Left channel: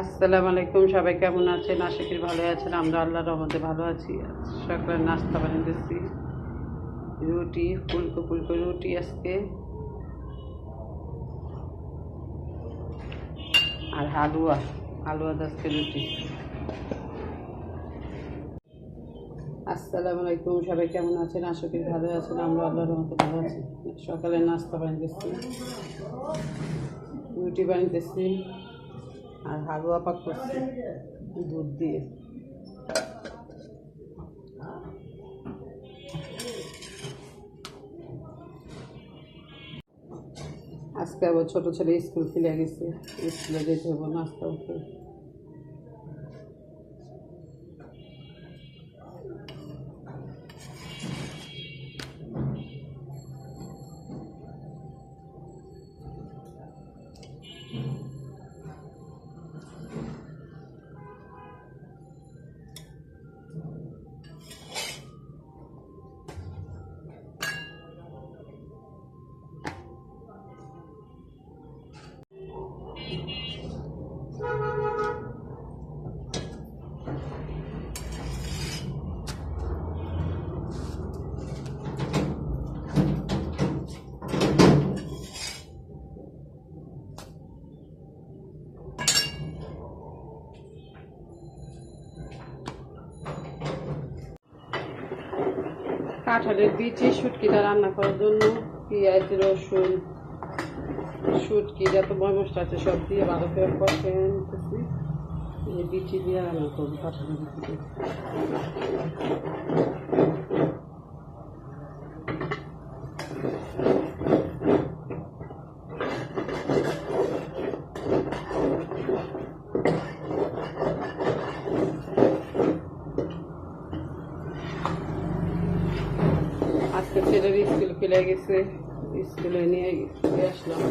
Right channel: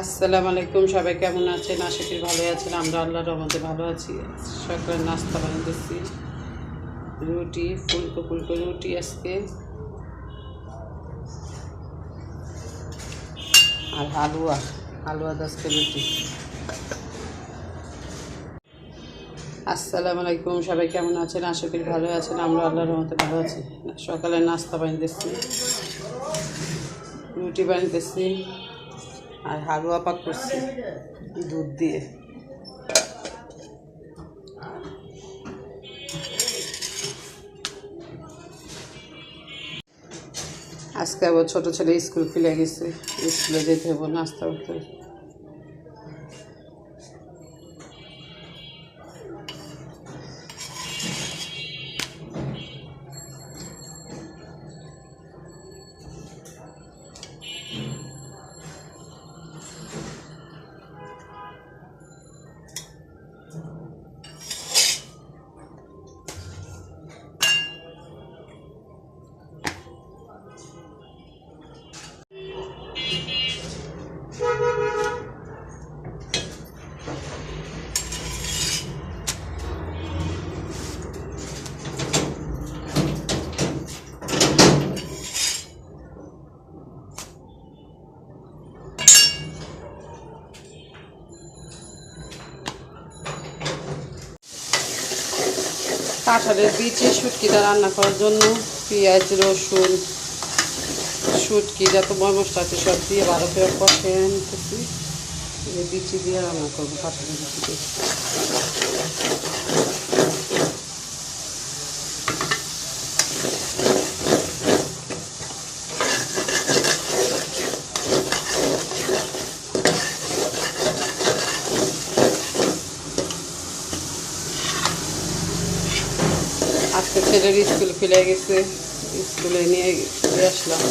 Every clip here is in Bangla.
আসসালামু আলাইকুম, সবাই কেমন আছেন? আশা করি ভালো আছেন। আমরা আল্লাহর রহমতে ভালো আছি। সকালে নাস্তা বানাতেছি রুটি, ফুলকো ফুলকো রুটি আজকে। আর হালুয়া হালুয়া আজকে রুটি। আসসালামু আলাইকুম, সবাই কেমন আছেন? আশা করি ভালো আছেন। আমরা আল্লাহর রহমতে ভালো আছি। সকালে নাস্তা বানাতেছি রুটি বানাতেছি আর হালুয়া পাক করছি, দুধ দিয়ে। আজকে আবার ছোটো ছেলে স্কুল খুলে গেছে, স্কুলে যেতে হবে, নাস্তা করতে কাঁঠালের বীজে শুটকিটা রান্না করার জন্য পেঁয়াজ, রসুন শুটকি যত মশলা আছে সব দিয়ে ভালো করে কষেন বিচি দিয়ে রান্না করব কাঁঠালের বিচি দিয়ে আজকে ছেলের স্কুল খুলে গেছে স্কুলে নিয়ে দিয়ে আসলাম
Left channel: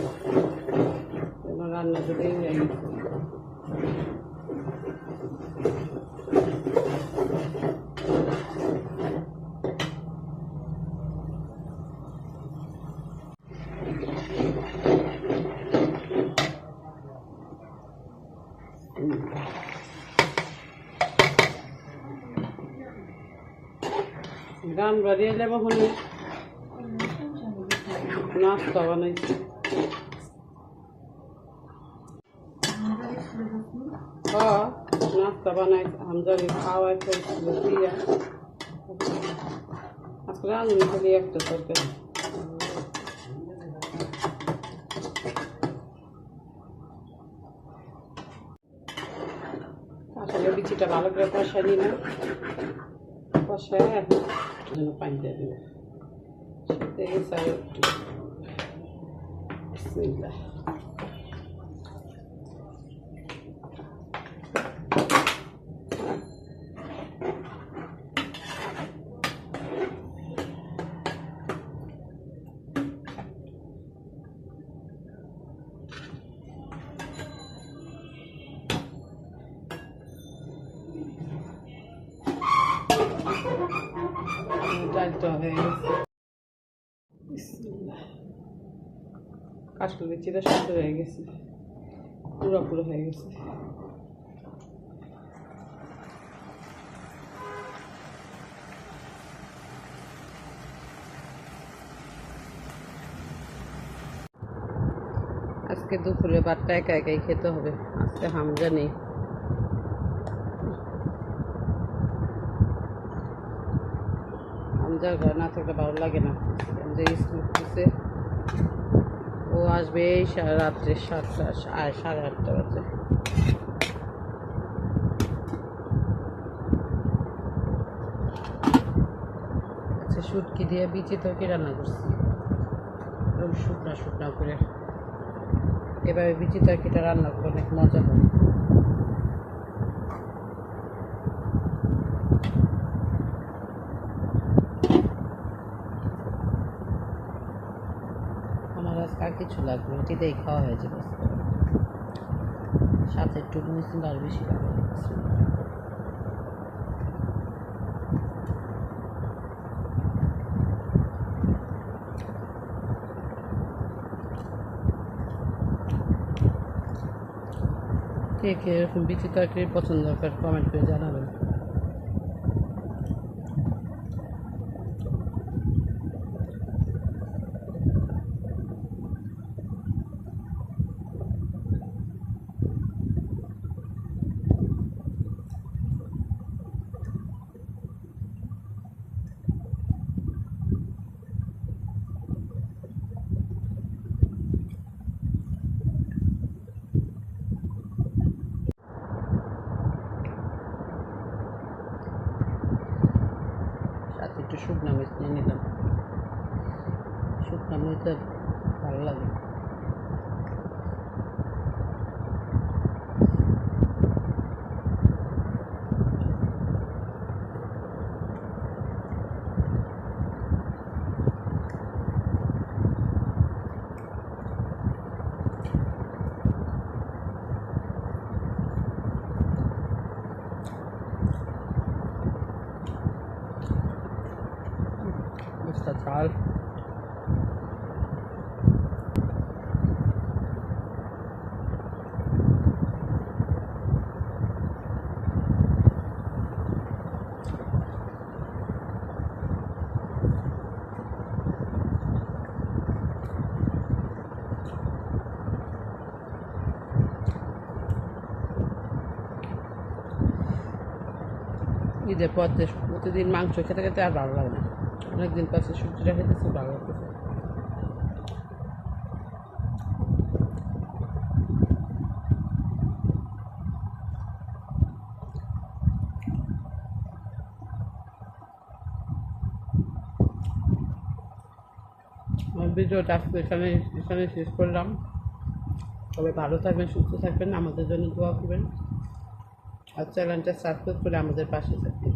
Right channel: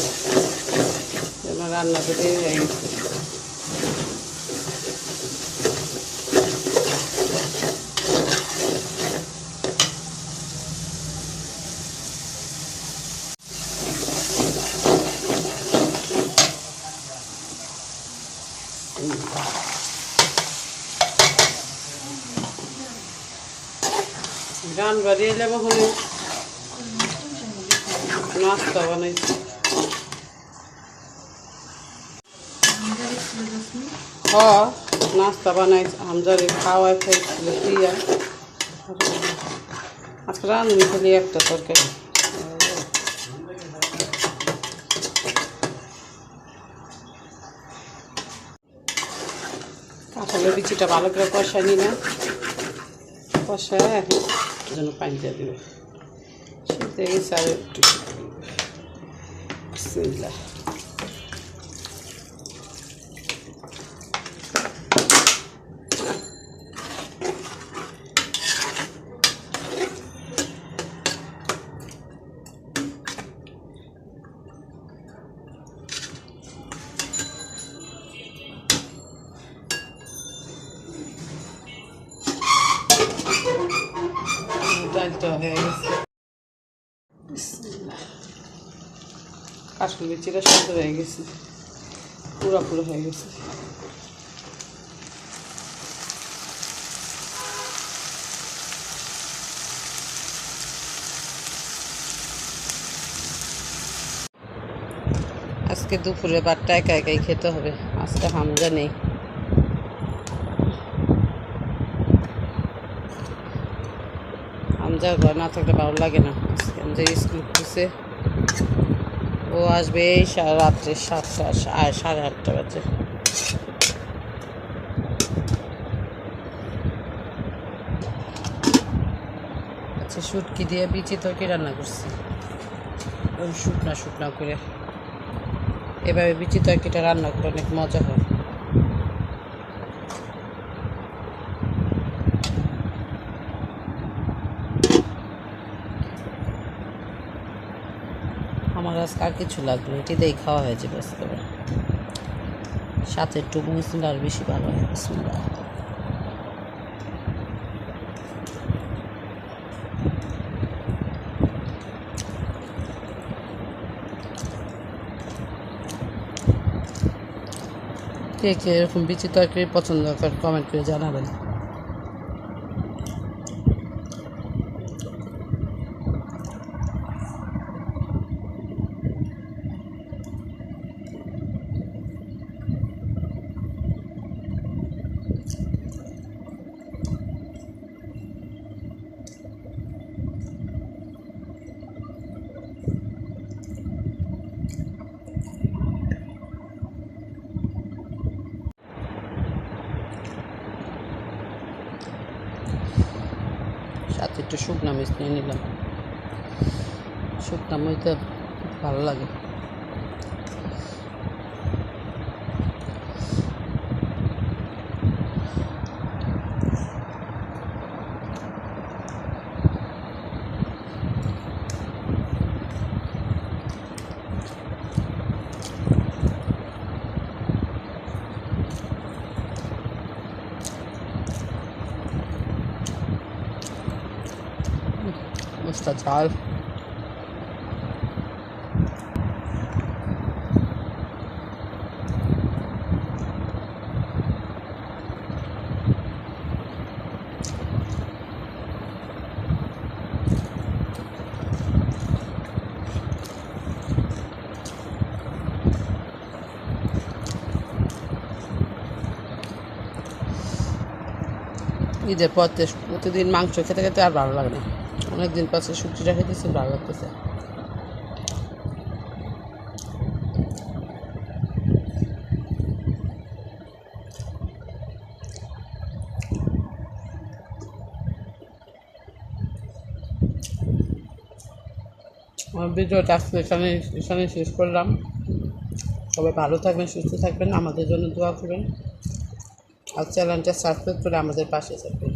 এবার রান্না করে হয়ে গেছে গান বাড়িয়ে এলে ওখানে নাস্তা বানাইছি হ নাস্তা বানাইছি হামজারে খাওয়াই খাইছিল দিয়া আজকে রাঁধুনি খালি একটা তরকারি। কাঁঠালের বিচিটা ভালো করে কষাই নি না কষায় এখন জন্য পানি দিয়ে দেবে শীতে গেছে আর একটু বিসমিল্লাহ। ডালটা কাঠুর বিচিটা সুন্দর হয়ে গেছে। পুরো পুরো হয়ে গেছে। আজকে দুপুরে বারটা একা একাই খেতে হবে। আজকে হামজা নেই। হামজার ঘর না থাকলে ভালো লাগে না। আজকে স্কুল খুলছে। ও আসবে এই রাত্রে সাতটা, সাড়ে আটটা বাজে। আচ্ছা শুটকি দিয়ে বিচি তরকি রান্না করছি। শুকনা শুকনা করে। এভাবে বিচি তরকিটা রান্না করে অনেক মজা হয়। আমার আজকে আর কিছু লাগল এটিতেই খাওয়া হয়েছে ব্যাস করে সাথে একটু মিশলে আর বেশি ভালো হয়। কে কে এরকম বিচি তরকারি পছন্দ করে কমেন্ট করে জানাবেন। সাথে একটু শুকনা মিচ নিয়ে নিলাম। শুকনা মিচটা ভালো লাগে Mr. Tal. ঈদের পর প্রতিদিন মাংস খেতে খেতে আর ভালো লাগে না অনেকদিন পাশে সবজিটা খেতেছি ভালো লাগতেছে। ভিডিওটা আজকে এখানে এখানে শেষ করলাম। সবাই ভালো থাকবেন, সুস্থ থাকবেন, আমাদের জন্য দোয়া করবেন। আর চ্যানেলটা সাবস্ক্রাইব করে আমাদের পাশে থাকবেন।